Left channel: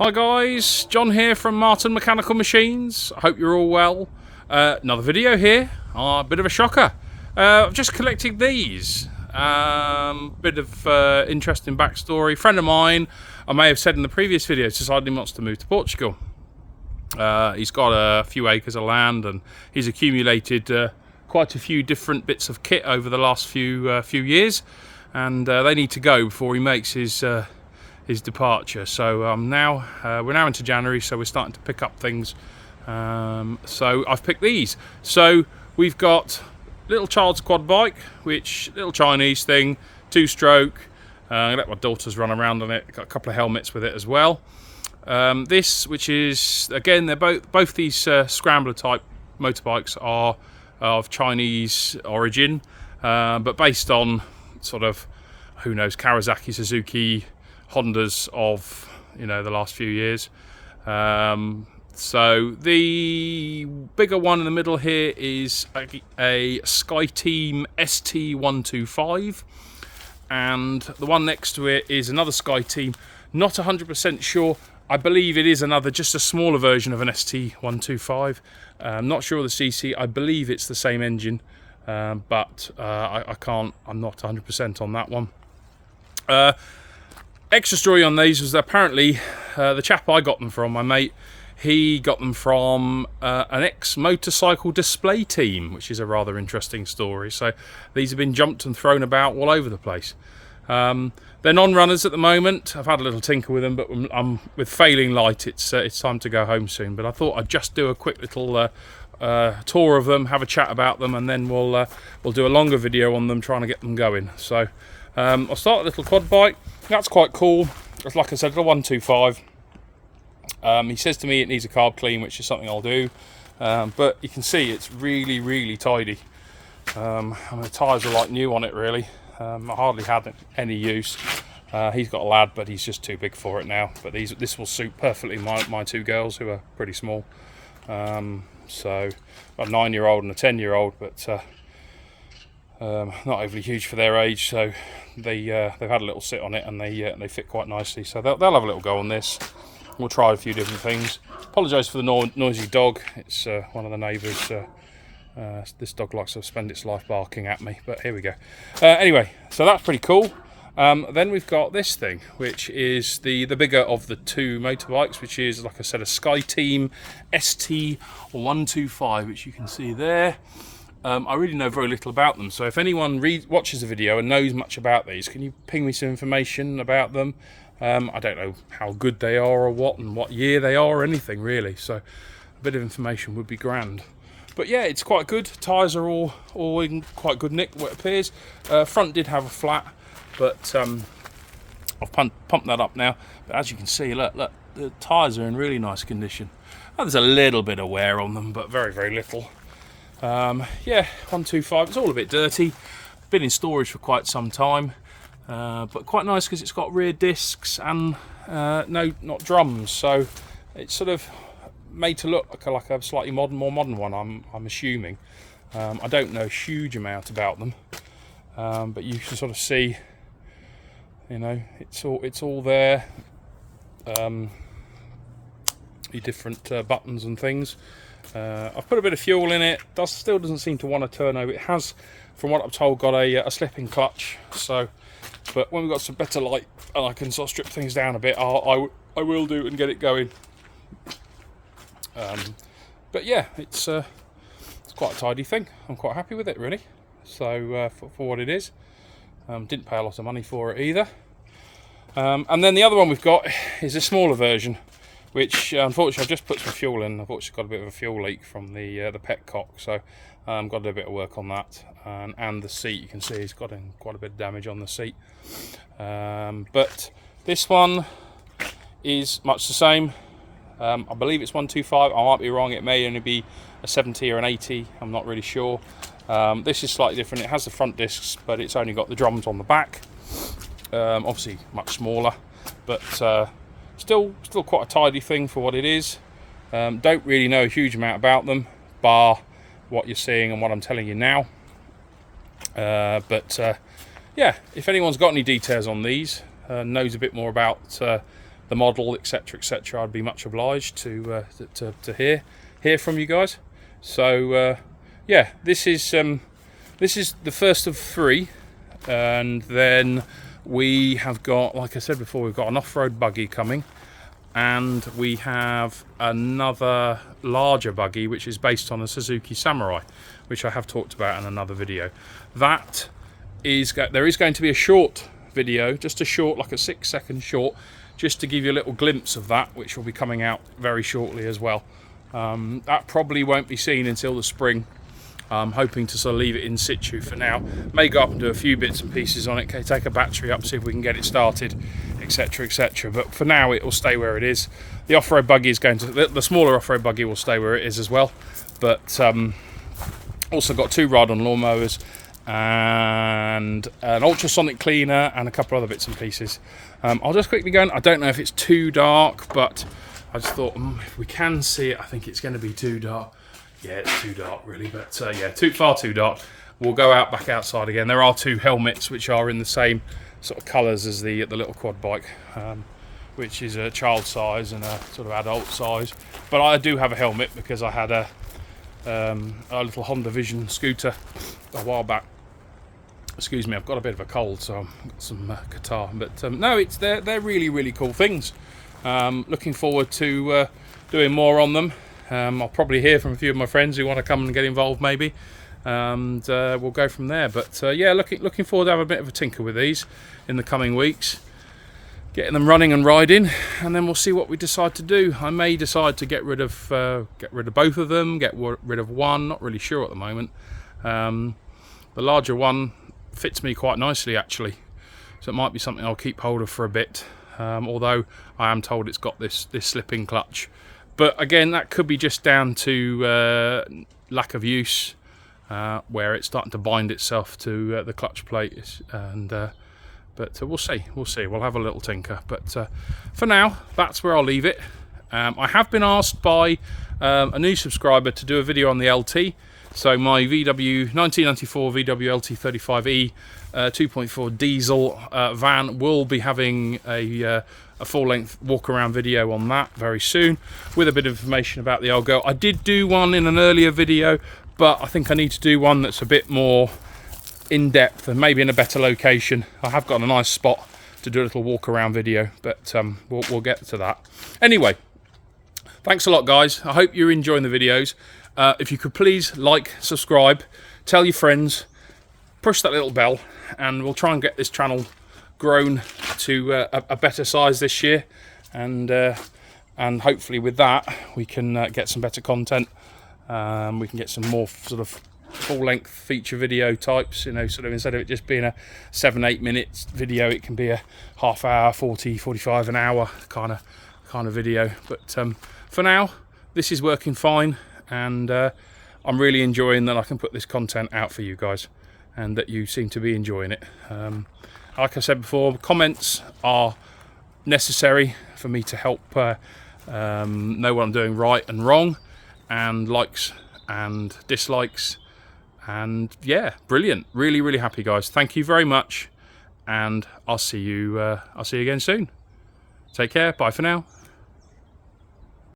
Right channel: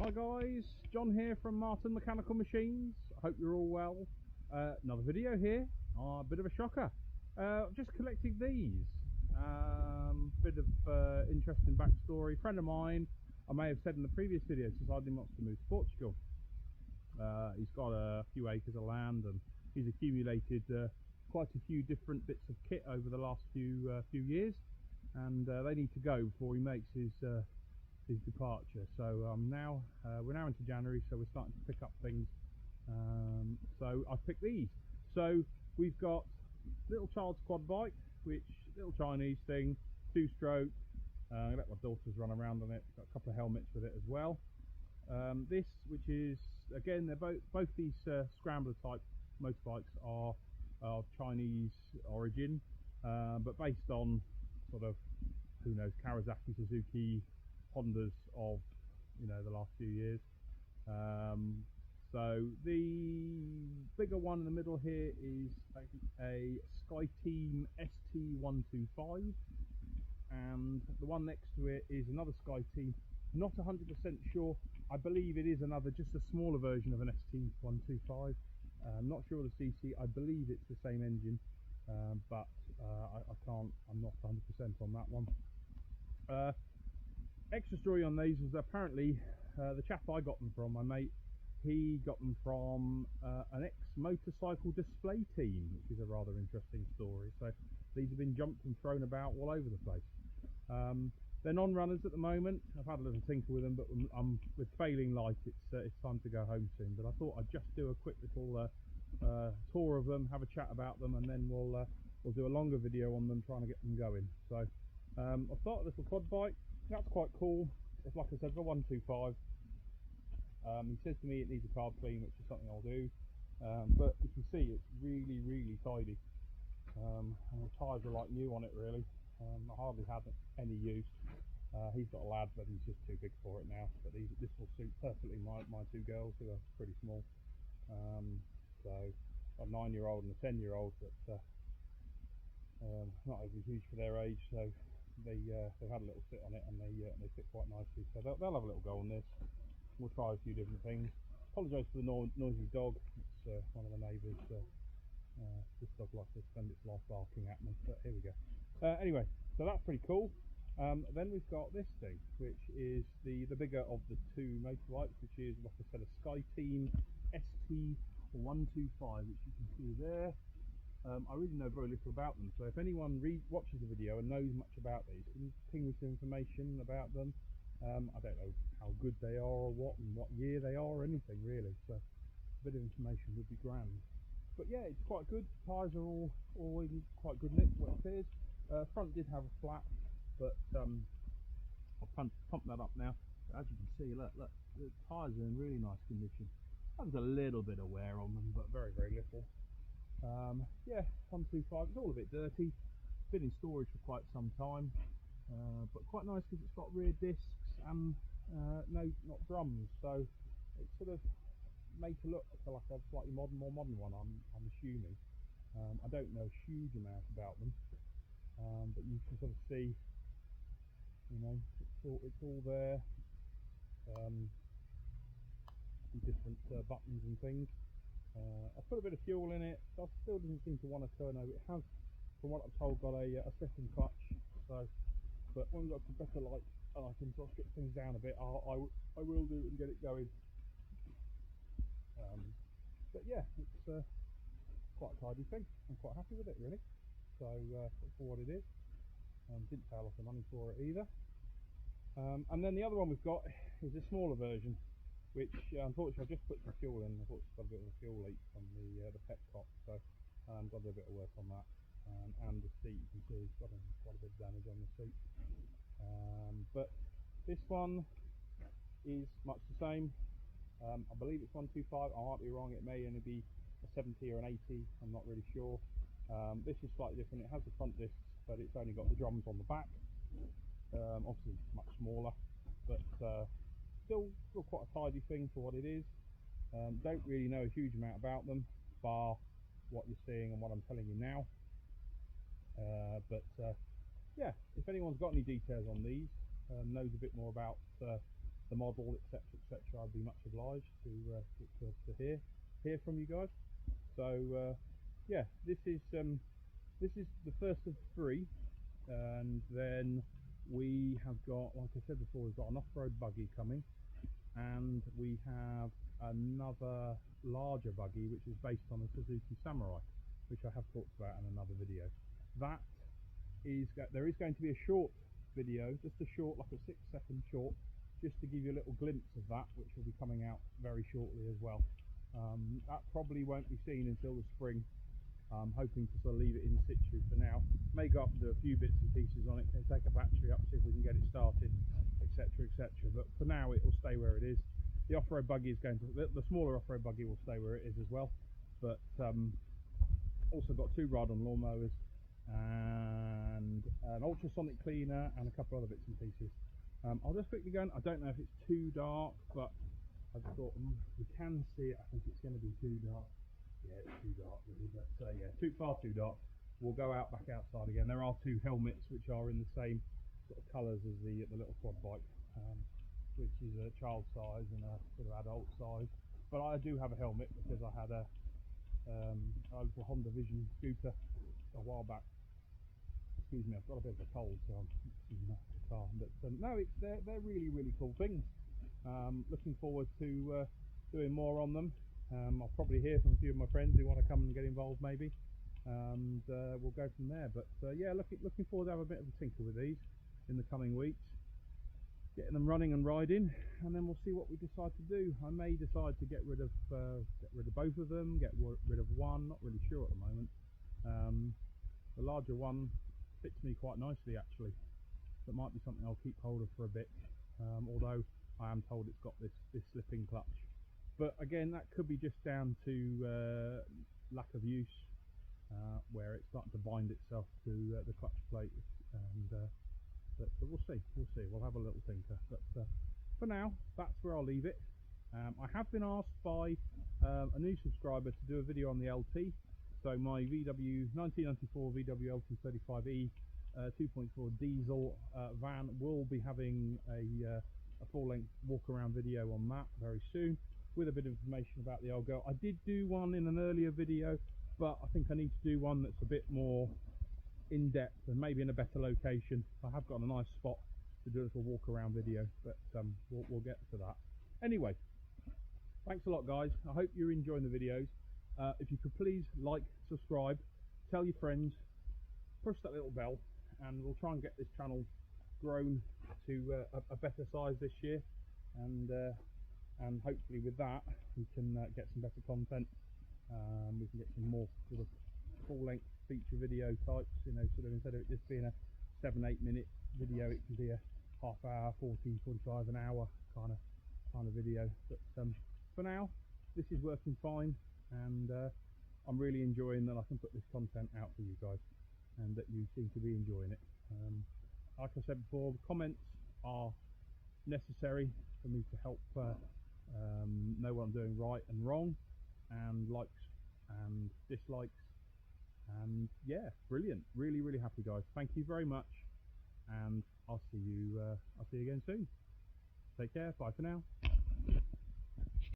Hi guys, John here from Martin Mechanical Machines. I hope you're all well. Another video here, a bit of a shocker. I've just collected these. Bit of interesting backstory. Friend of mine, I may have said in the previous video, decided he wants to move to Portugal. He's got a few acres of land and he's accumulated quite a few different bits of kit over the last few years, and they need to go before he makes his departure. So we're now into January, so we're starting to pick up things. So I've picked these. So we've got little child's quad bike, which little Chinese thing, 2-stroke. I let my daughters run around on it. Got a couple of helmets with it as well. This, which is again, they're both these scrambler type motorbikes are of Chinese origin, but based on sort of, who knows, Kawasaki, Suzuki, Hondas of the last few years. So the bigger one in the middle here is a SKYTEAM ST125, and the one next to it is another SKYTEAM. Not 100% sure. I believe it is just a smaller version of an ST125. I'm not sure of the CC. I believe it's the same engine, but I'm not 100% on that one. Extra story on these was that apparently the chap I got them from, my mate, he got them from an ex-motorcycle display team, which is a rather interesting story. So these have been jumped and thrown about all over the place. They're non-runners at the moment. I've had a little tinker with them, but with failing light, it's time to go home soon. But I thought I'd just do a quick little tour of them, have a chat about them, and then we'll do a longer video on them, trying to get them going. So I'll start a little quad bike. That's quite cool. Like I said, a 125. He says to me it needs a carb clean, which is something I'll do. But you can see it's really, really tidy. The tyres are like new on it, really. I hardly had any use. He's got a lad, but he's just too big for it now. But this will suit perfectly my two girls, who are pretty small. So a 9-year-old and a 10-year-old, but not overly huge for their age. So they've had a little sit on it, and they fit quite nicely. So they'll have a little go on this. We'll try a few different things. Apologise for the noisy dog. It's one of the neighbours. This dog likes to spend its life barking at me, but here we go. Anyway, so that's pretty cool. Then we've got this thing, which is the bigger of the two motorbikes, which is, like I said, a SKYTEAM ST125, which you can see there. I really know very little about them, so if anyone watches the video and knows much about these, can you ping me some information about them? I don't know how good they are, or what year they are, or anything really, so a bit of information would be grand. But yeah, it's quite good. Tyres are all in quite good nick, what it appears. Front did have a flat, but I've pumped that up now. But as you can see, look, the tyres are in really nice condition. Oh, there's a little bit of wear on them, but very, very little. Yeah, 125. It's all a bit dirty. Been in storage for quite some time, but quite nice because it's got rear discs and not drums. So it's sort of made to look like a slightly more modern one. I'm assuming. I don't know a huge amount about them, but you can sort of see, it's all there. The different buttons and things. I've put a bit of fuel in it. Still doesn't seem to want to turn over. It has, from what I'm told, got a slipping clutch. So, but when we've got some better light and I can sort of strip things down a bit, I will do and get it going. But yeah, it's quite a tidy thing. I'm quite happy with it, really. So for what it is, didn't pay a lot of money for it either. And then the other one we've got is a smaller version, which unfortunately I've just put some fuel in. I've actually got a bit of a fuel leak from the petcock, so got to do a bit of work on that. And the seat, you can see, it's got quite a bit of damage on the seat. But this one is much the same. I believe it's 125. I might be wrong. It may only be a 70 or an 80. I'm not really sure. This is slightly different. It has the front discs, but it's only got the drums on the back. Obviously much smaller, but still quite a tidy thing for what it is. Don't really know a huge amount about them, bar what you're seeing and what I'm telling you now. But yeah, if anyone's got any details on these, knows a bit more about the model, etc., etc., I'd be much obliged to hear from you guys. So yeah, this is the first of 3, and then we have got, like I said before, we've got an off-road buggy coming, and we have another larger buggy which is based on a Suzuki Samurai, which I have talked about in another video. That is, there is going to be a short video, just a short, like a 6-second short, just to give you a little glimpse of that, which will be coming out very shortly as well. That probably won't be seen until the spring. I'm hoping to sort of leave it in situ for now. May go up and do a few bits and pieces on it, take a battery up, see if we can get it started, etc., etc. But for now, it will stay where it is. The off-road buggy is going to, the smaller off-road buggy will stay where it is as well. But also got 2 ride-on lawnmowers and an ultrasonic cleaner and a couple other bits and pieces. I'll just quickly go. I don't know if it's too dark, but I just thought if we can see it, I think it's going to be too dark. Yeah, it's too dark really, but yeah, far too dark. We'll go back outside again. There are 2 helmets which are in the same sort of colours as the little quad bike, which is a child size and a sort of adult size. But I do have a helmet because I had a little Honda Vision scooter a while back. Excuse me, I've got a bit of a cold, so I've got some catarrh. But no, they're really, really cool things. Looking forward to doing more on them. I'll probably hear from a few of my friends who want to come and get involved maybe, and we'll go from there. But yeah, looking forward to have a bit of a tinker with these in the coming weeks, getting them running and riding, and then we'll see what we decide to do. I may decide to get rid of both of them, get rid of one, not really sure at the moment. The larger one fits me quite nicely actually, so it might be something I'll keep hold of for a bit, although I am told it's got this slipping clutch. But again, that could be just down to lack of use, where it's starting to bind itself to the clutch plate. And but we'll see. We'll have a little tinker. But for now, that's where I'll leave it. I have been asked by a new subscriber to do a video on the LT. So my 1994 VW LT 35E 2.4 diesel van will be having a full-length walk-around video on that very soon, with a bit of information about the old girl. I did do one in an earlier video, but I think I need to do one that's a bit more in-depth and maybe in a better location. I have got a nice spot to do a little walk-around video, but we'll get to that. Anyway, thanks a lot, guys. I hope you're enjoying the videos. If you could please like, subscribe, tell your friends, push that little bell, and we'll try and get this channel grown to a better size this year, and hopefully with that we can get some better content. We can get some more sort of full-length feature video types, you know, sort of instead of it just being a 7-8 minutes video, it can be a half hour, 40-45 an hour kind of video. But for now, this is working fine, and I'm really enjoying that I can put this content out for you guys, and that you seem to be enjoying it. Like I said before, comments are necessary for me to help know what I'm doing right and wrong, and likes and dislikes, and yeah, brilliant. Really, really happy, guys. Thank you very much, and I'll see you again soon. Take care. Bye for now.